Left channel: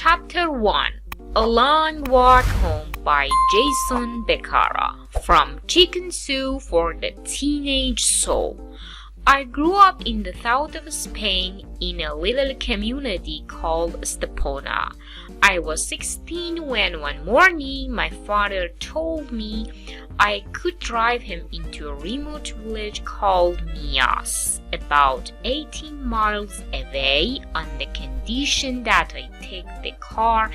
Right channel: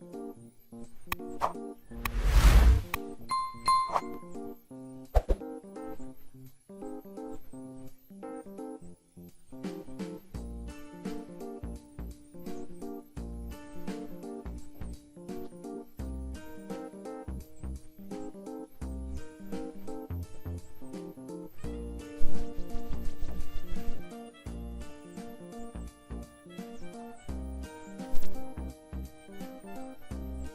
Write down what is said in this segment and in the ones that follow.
Chapter 1 A Long Walk Home by Jason Becerra From Chicken Soup for the Teenage Soul. I grew up in the south of Spain in a little community called Estepona. I was 16 when one morning my father told me I could drive him into a remote village called Mias, about 18 miles away, on the condition that I take the car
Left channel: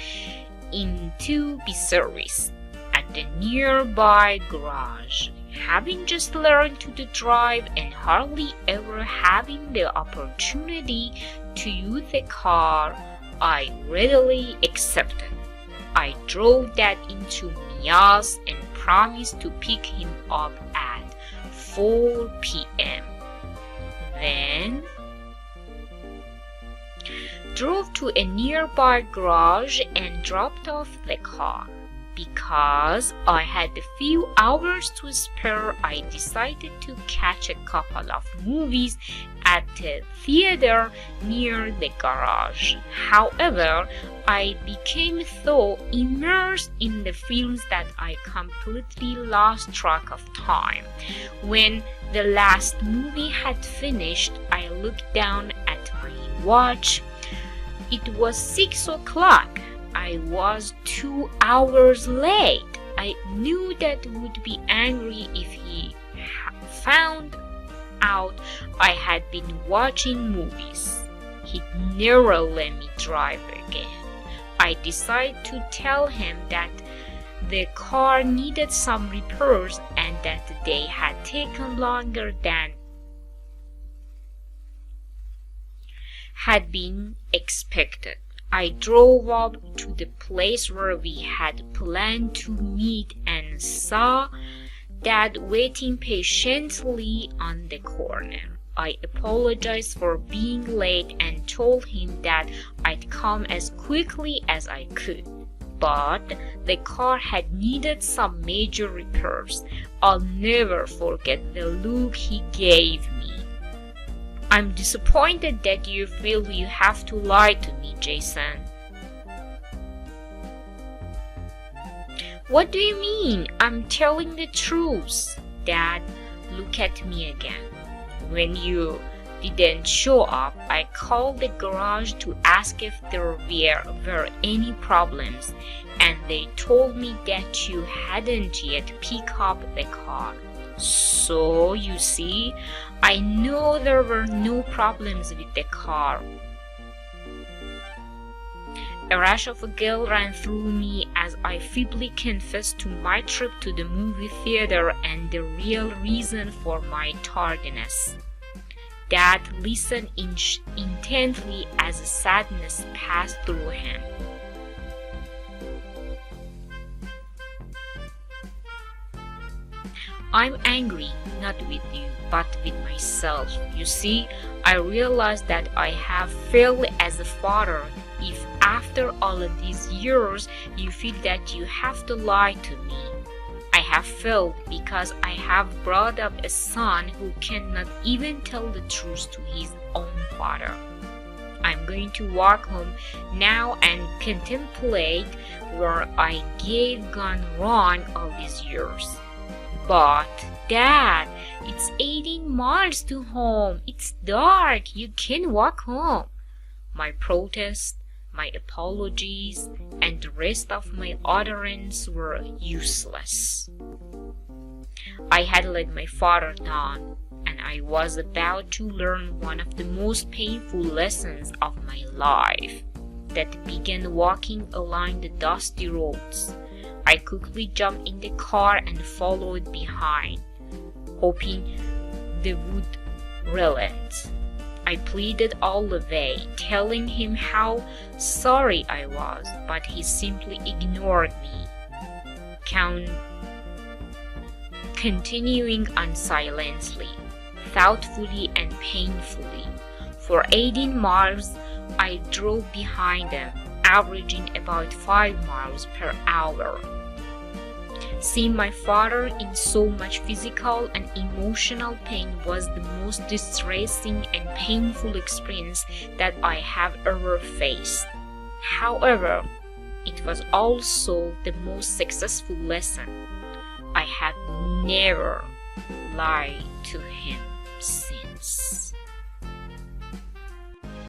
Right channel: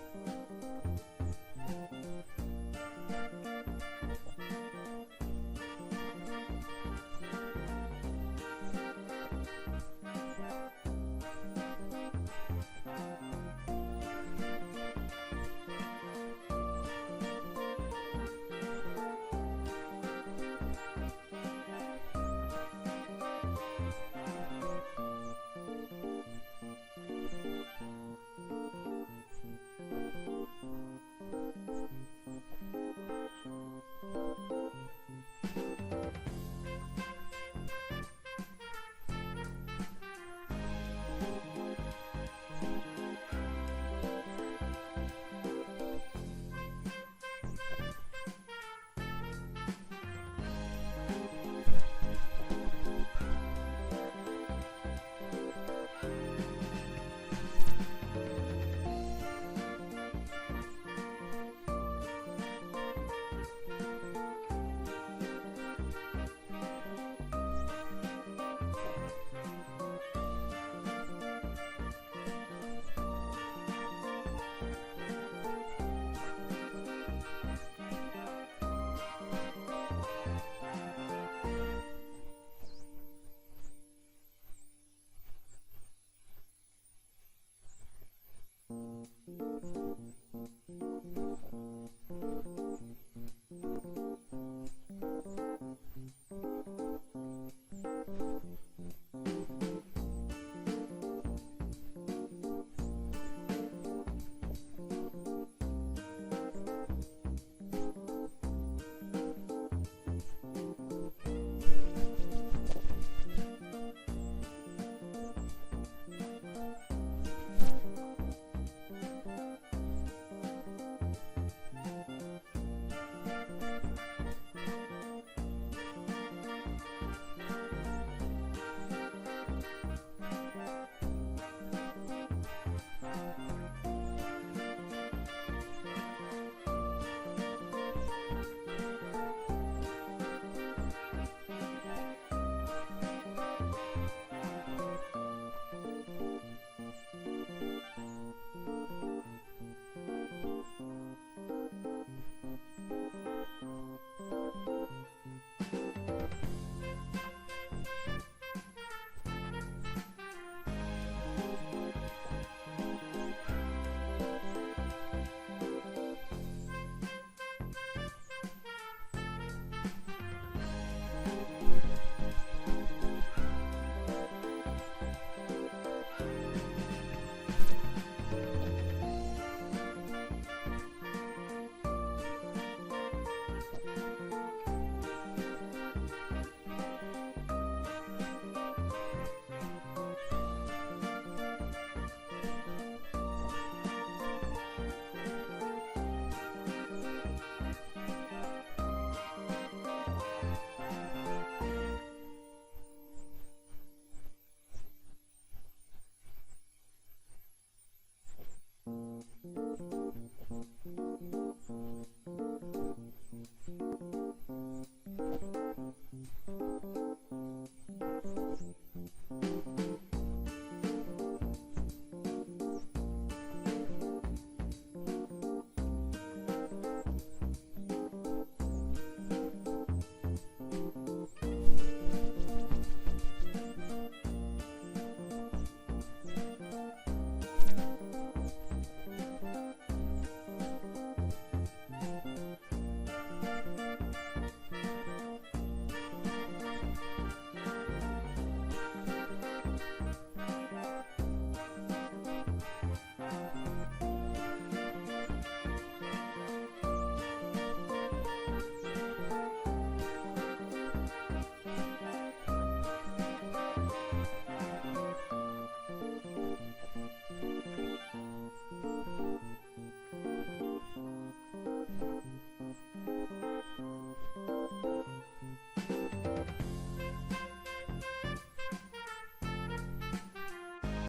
in to be serviced at the nearby garage. Having just learned to drive and hardly ever having the opportunity to use the car, I readily accepted. I drove that into Mias and promised to pick him up at 4 p.m. Then drove to a nearby garage and dropped off the car. Because I had a few hours to spare, I decided to catch a couple of movies at the theater near the garage. However, I became so immersed in the films that I completely lost track of time. When the last movie had finished, I looked down at my watch. It was 6 o'clock. I was 2 hours late. I knew Dad would be angry if he found out I had been watching movies. He'd never let me drive again. I decided to tell him that the car needed some repairs and that they had taken longer than had been expected. I drove up to the place where we had planned to meet and saw Dad waiting patiently on the corner. I apologized for being late and told him that I'd come as quickly as I could. But the car had needed some major repairs. I'll never forget the look he gave me. I'm disappointed that you feel you have to lie to me, Jason. What do you mean? I'm telling the truth. Dad, look at me again. When you didn't show up, I called the garage to ask if there were any problems, and they told me that you hadn't yet picked up the car. So, you see, I know there were no problems with the car. A rush of guilt ran through me as I feebly confessed to my trip to the movie theater and the real reason for my tardiness. Dad listened intently as sadness passed through him. I'm angry, not with you, but with myself. You see, I realize that I have failed as a father. If after all of these years you feel that you have to lie to me, I have failed because I have brought up a son who cannot even tell the truth to his own father. I'm going to walk home now and contemplate where I gone wrong all these years. But, Dad, it's 18 miles to home. It's dark. You can't walk home. My protest, my apologies, and the rest of my utterance were useless. I had let my father down, and I was about to learn one of the most painful lessons of my life that began walking along the dusty roads. I quickly jumped in the car and followed behind, hoping they would relent. I pleaded all the way, telling him how sorry I was, but he simply ignored me, continuing on silently, thoughtfully and painfully. For 18 miles, I drove behind them, averaging about 5 miles per hour. Seeing my father in so much physical and emotional pain was the most distressing and painful experience that I have ever faced. However, it was also the most successful lesson. I have never lied.